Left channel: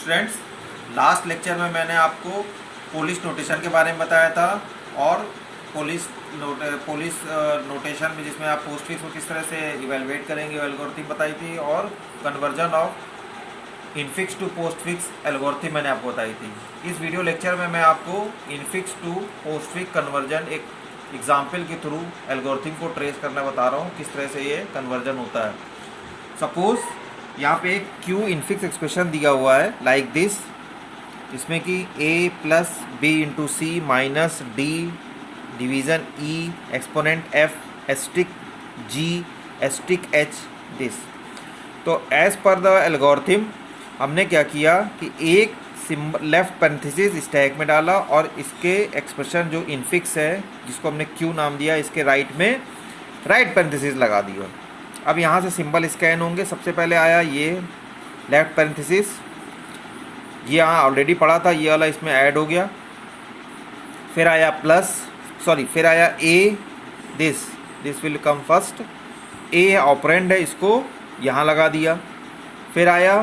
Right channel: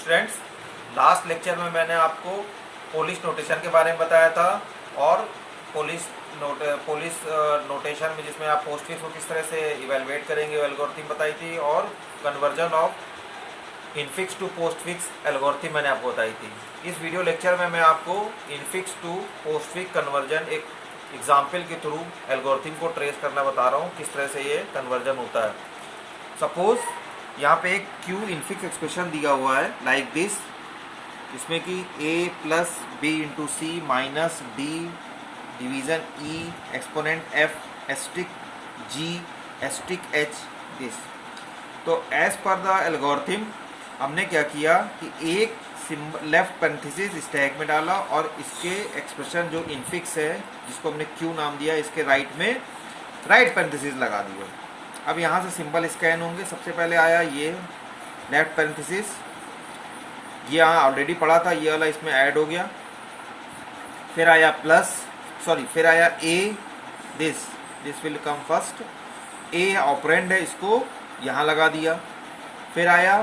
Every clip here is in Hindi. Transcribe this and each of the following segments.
स्टूडेंट्स, लास्ट लेक्चर में मैंने आपको पोलिश नोटेशन के बारे में बताया था और पोलिश नोटेशन में जिसमें आप पोस्टफिक्स को किस तरह से इवेलुएट करेंगे एल्गोरिथम बताई थी और conversion of infix to postfix algorithm मैंने आपको बताई थी। इस वीडियो लेक्चर में मैं आपको इनफिक्स टू पोस्टफिक्स कन्वर्जन एक एग्जाम्पल के थ्रू एल्गोरिथम को ट्रेस करना बता रहा हूँ किस तरह से ये कन्वर्जन होता है। सपोज यहाँ पे एक क्यू इनफिक्स एक्सप्रेशन दिया हुआ है लाइक दिस, इसमें कि a plus B into C minus D division E exponent f asterisk g asterisk h this. तो एज पर द एल्गोरिथम हमने क्या किया कि एक लेफ्ट पैरेंथेसिस स्टैक में डाला और इसके एक्सप्रेशन जो इनफिक्स है जिसको हमने q नाम दिया, इसके राइट में राइट पैरेंथेसिस लगा दिया। अब यहाँ से सिंबल स्कैन होंगे। सबसे पहले आया ये लेफ्ट पैरेंथेसिस, ये यहाँ ऑलरेडी पढ़ा था, ये वाला इसमें ऐड हो गया। फिर आया फिर आया A, this will come first, A operand है, इसको यहाँ लगा दिया। फिर आया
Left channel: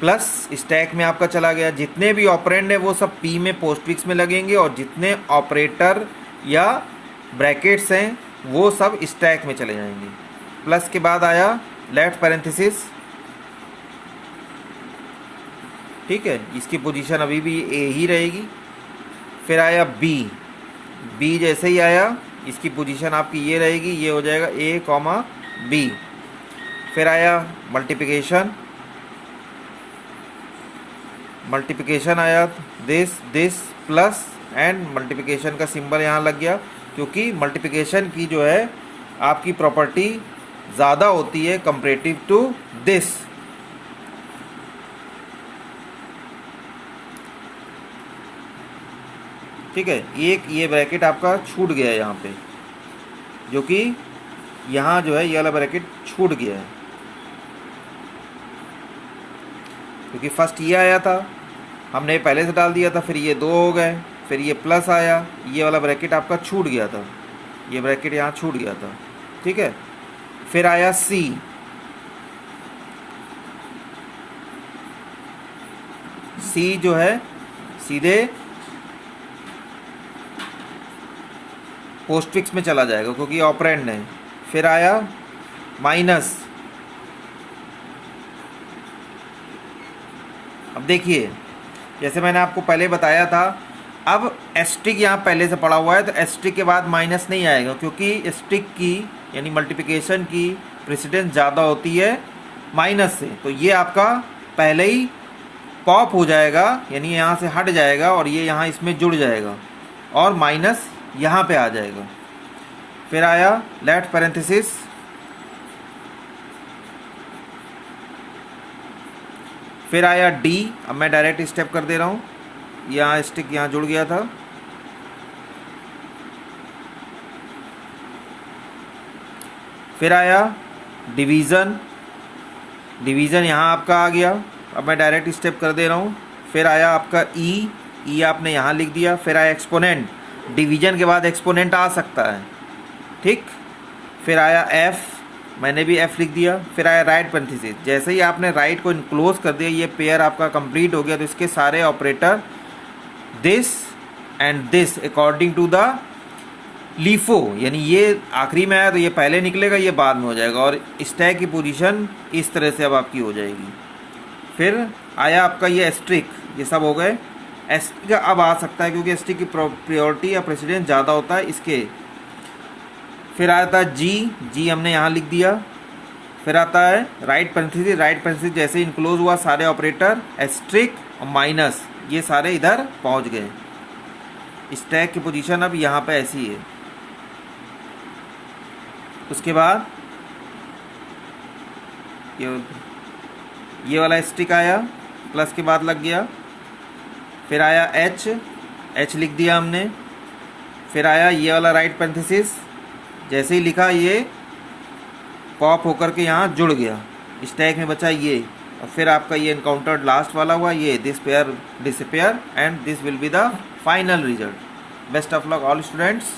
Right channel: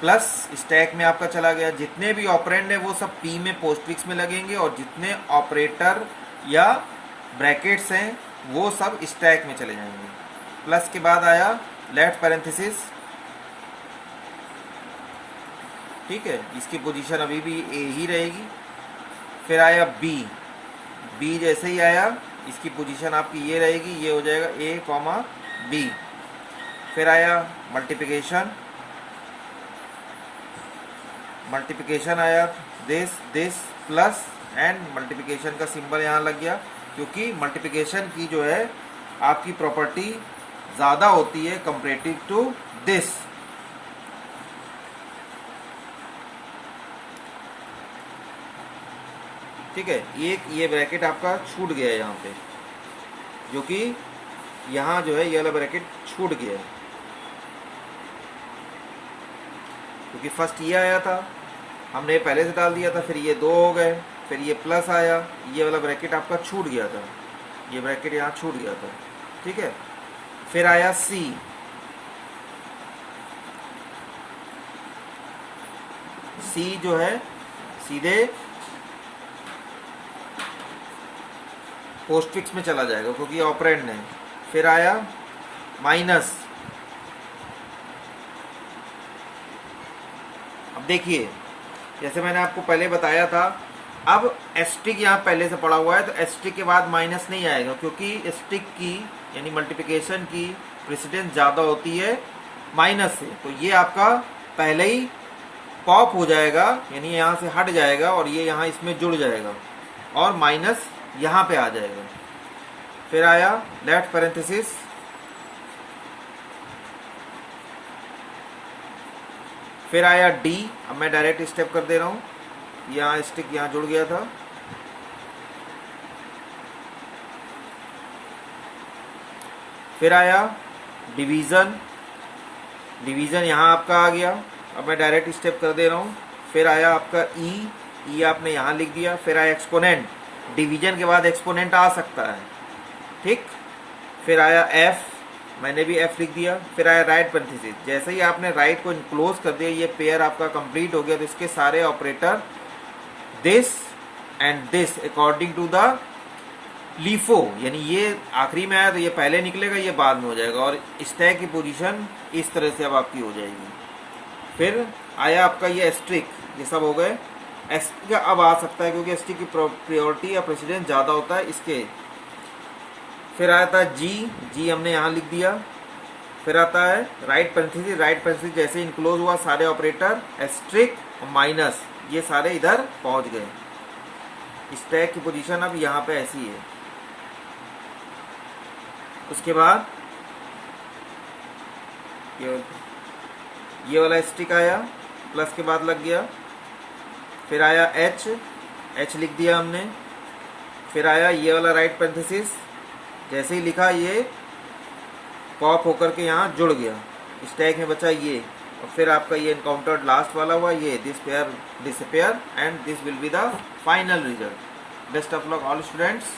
प्लस स्टैक में आपका चला गया। जितने भी ऑपरेंड है वो सब पी में पोस्टफिक्स में लगेंगे और जितने ऑपरेटर या ब्रैकेट्स हैं वो सब स्टैक में चले जाएंगे। प्लस के बाद आया लेफ्ट पैरेंथेसिस, ठीक है, इसकी पोजीशन अभी भी ए ही रहेगी। फिर आया बी जैसे ही आया इसकी पोजीशन आपकी ये रहेगी, ये हो जाएगा ए कॉमा बी। फिर आया मल्टीप्लिकेशन आया दिस प्लस एंड मल्टीप्लिकेशन का सिंबल यहाँ लग गया, क्योंकि मल्टीप्लिकेशन की जो है आपकी प्रॉपर्टी ज़्यादा होती है कंपैरेटिव टू दिस। ठीक है, एक ये ब्रैकेट आपका छूट गया है यहाँ पे, जो कि यहाँ जो है ये वाला ब्रैकेट छूट गया है क्योंकि फर्स्ट ये आया था, हमने पहले से डाल दिया था, फिर ये दो हो गए, फिर ये प्लस आया, ये वाला ब्रैकेट आपका छूट गया था, ये ब्रैकेट यहाँ छूट गया था। ठीक है, फिर आया सी जो है सीधे पोस्टफिक्स में चला जाएगा क्योंकि ऑपरेंड है। फिर आया माइनस। अब देखिए, जैसे मैंने आपको पहले बताया था, अब एस्टिक यहाँ पहले से पड़ा हुआ है तो एस्टिक के बाद माइनस नहीं आएगा क्योंकि एस्टिक की यानी मल्टीप्लिकेशन की प्रेसिडेंस ज़्यादा होती है माइनस से। तो ये आपका पहले ही पॉप हो जाएगा, यानी यहाँ से हट जाएगा और ये यहाँ इसमें जुड़ जाएगा और माइनस यहाँ पे आ जाएगा। फिर आया लेफ्ट पैरेंथेसिस, फिर आया डी। अब मैं डायरेक्ट स्टेप कर दे रहा हूँ, यहाँ स्टिक यहाँ जुड़ गया था। फिर आया डिवीज़न यहाँ आपका आ गया। अब मैं डायरेक्ट स्टेप कर दे रहा हूँ। फिर आया आपका ई आपने यहाँ लिख दिया। फिर आया एक्सपोनेंट, डिवीज़न के बाद एक्सपोनेंट आ सकता है, ठीक। फिर आया एफ, मैंने भी एफ लिख दिया। फिर आया राइट पैरेंथेसिस, जैसे ही आपने राइट को इनक्लोज कर दिया ये पेयर आपका कंप्लीट हो गया। तो इसके सारे operator this and this according to the LIFO, यानी ये आखिरी में आया तो ये पहले निकलेगा, ये बाद में हो जाएगा और स्टैक की पोजीशन इस तरह से अब आपकी हो जाएगी। फिर आया आपका ये एस्ट्रिक, ये सब हो गए। एस्ट्रिक अब आ सकता है क्योंकि एस्ट्रिक की प्रायोरिटी या प्रेसिडेंस ज़्यादा होता है इसके। फिर आया था जी हमने यहाँ लिख दिया। फिर आता है राइट पैरेंथेसिस जैसे इनक्लोज हुआ सारे ऑपरेटर एस्ट्रिक और माइनस ये सारे इधर पहुँच गए। स्टैक की पोजीशन अब यहाँ पे ऐसी है। उसके बाद ये वाला स्टिक आया, प्लस के बाद लग गया। फिर आया एच लिख दिया हमने। फिर आया ये वाला राइट पैरेंथेसिस, जैसे ही लिखा ये पॉप होकर के यहाँ जुड़ गया, स्टैक में बचा ये। और फिर आपका ये एनकाउंटर्ड लास्ट वाला हुआ, ये this pair disappear and this will be the final result. Best of luck all students.